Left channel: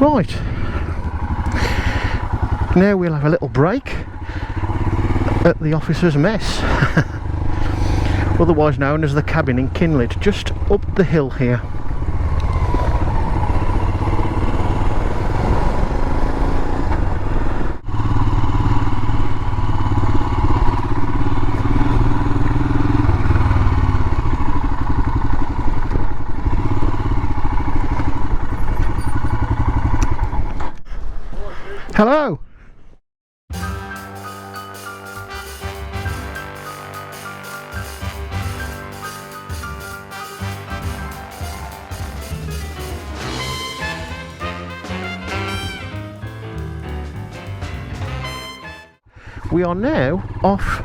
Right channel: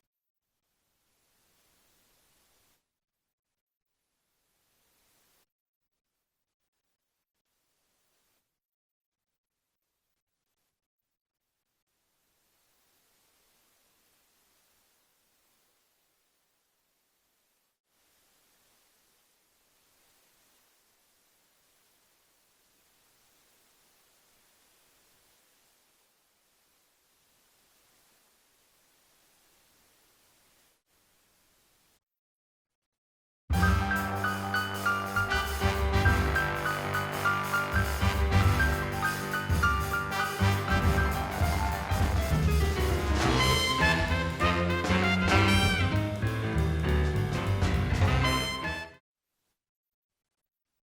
Right, now we'll have a little break at the officer's mess, otherwise known as the cabin in Kinlet, just up the hill here. Hello. We are now off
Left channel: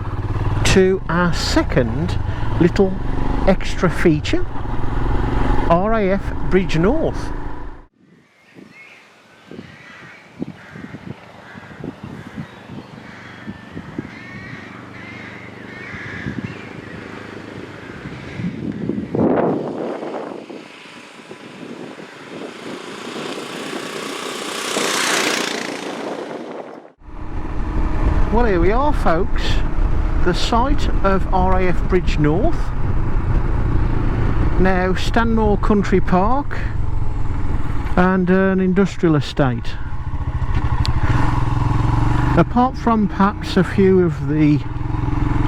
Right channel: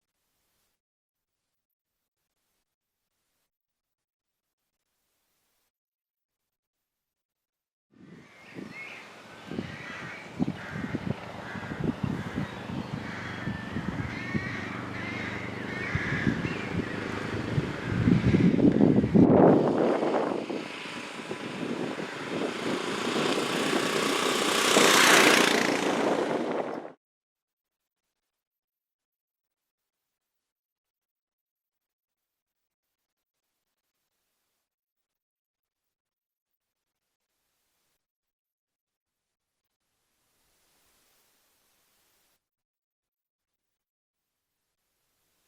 to our second little extra feature, RAF Bridge North. Well, here we are, folks, the site of RAF Bridge North, now Stanmore Country Park and an industrial estate. Apart from perhaps a few of the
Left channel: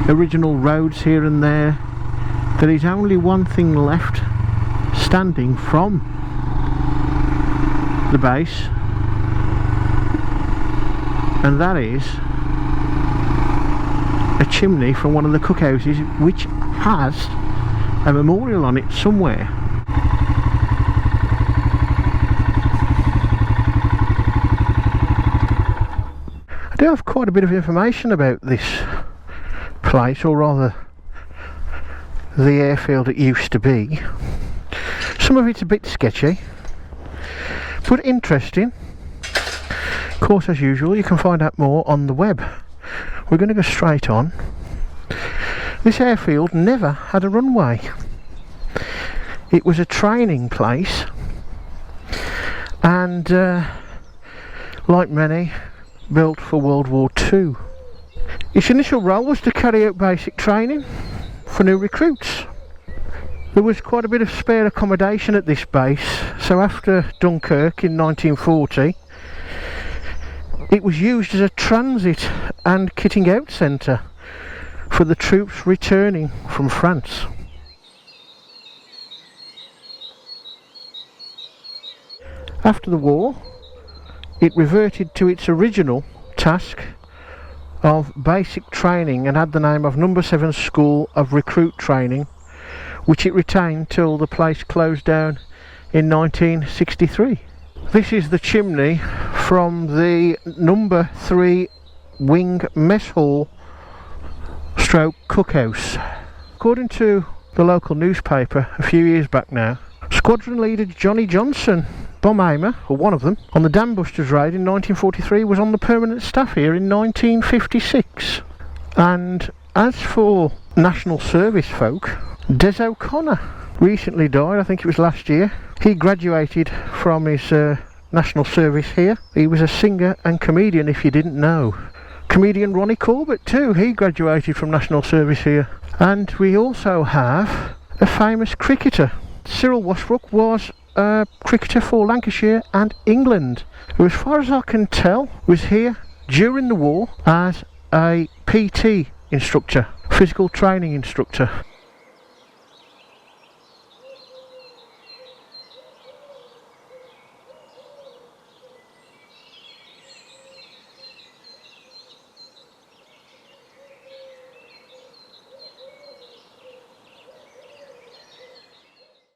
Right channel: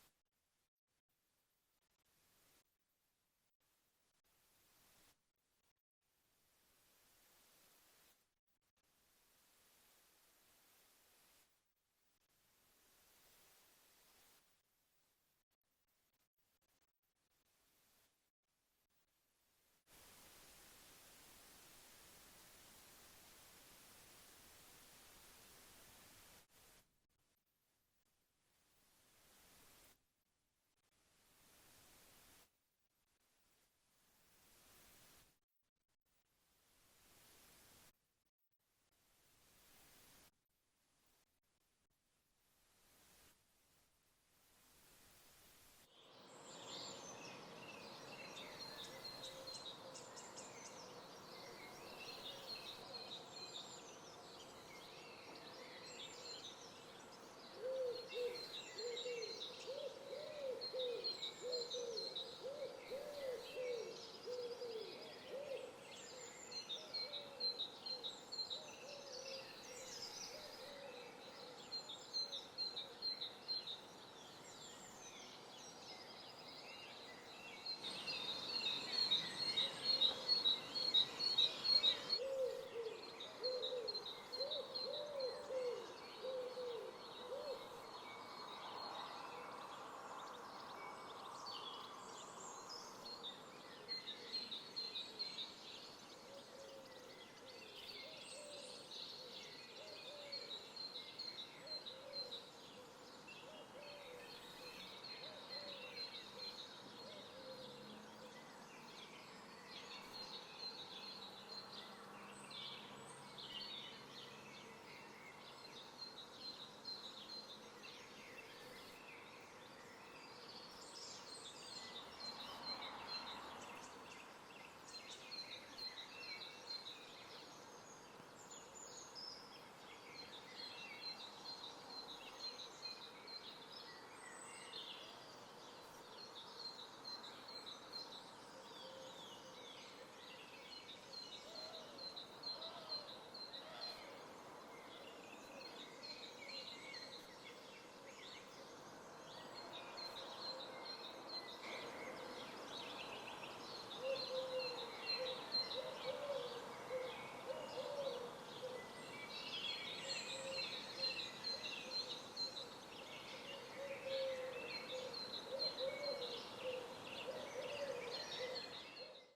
original roads here and there, there is only one thing left standing from the base, and that is a chimney from one of the cookhouses which has a memorial on it somewhere. I do have quite a bit of information about this place, or rather the airfield it used to be. Some of it's a bit sketchy, but interesting. Of course, as usual, you can find out more on the web. We're going to go straight on. This airfield never had a runway. It was a training place, and like many, built for World War II. Its initial role was to carry out basic training for new recruits. There was quite a bit of spare accommodation at this base, so after Dunkirk in 1940, it was used as a transit and kitting out centre for the troops returning from France. After the war, it reverted to its original task of basic training and had the name of No. 7 School of Recruit Training, which it retained till the place closed down in 1963. This is the chimney from the No. 3 Wing Mess Hall stroke cookhouse. According to the local newspaper a few years back now, Squadron Leader Johnny Johnson, bomb aimer, or one of them, on the Dam Busters raid in 1943 was on the permanent staff here in 1956. And as for national service folk, Des O'Connor recently died, I think it was last year. He graduated from his national service here. He was a singer and comedian, if you didn't know. Comedian Ronnie Corbett too, he graduated from national service here. And we also have a famous cricketer. Cyril Washbrook was a cricketer for Lancashire and England, who, as far as I can tell, was here during the war as a PT instructor, physical training instructor.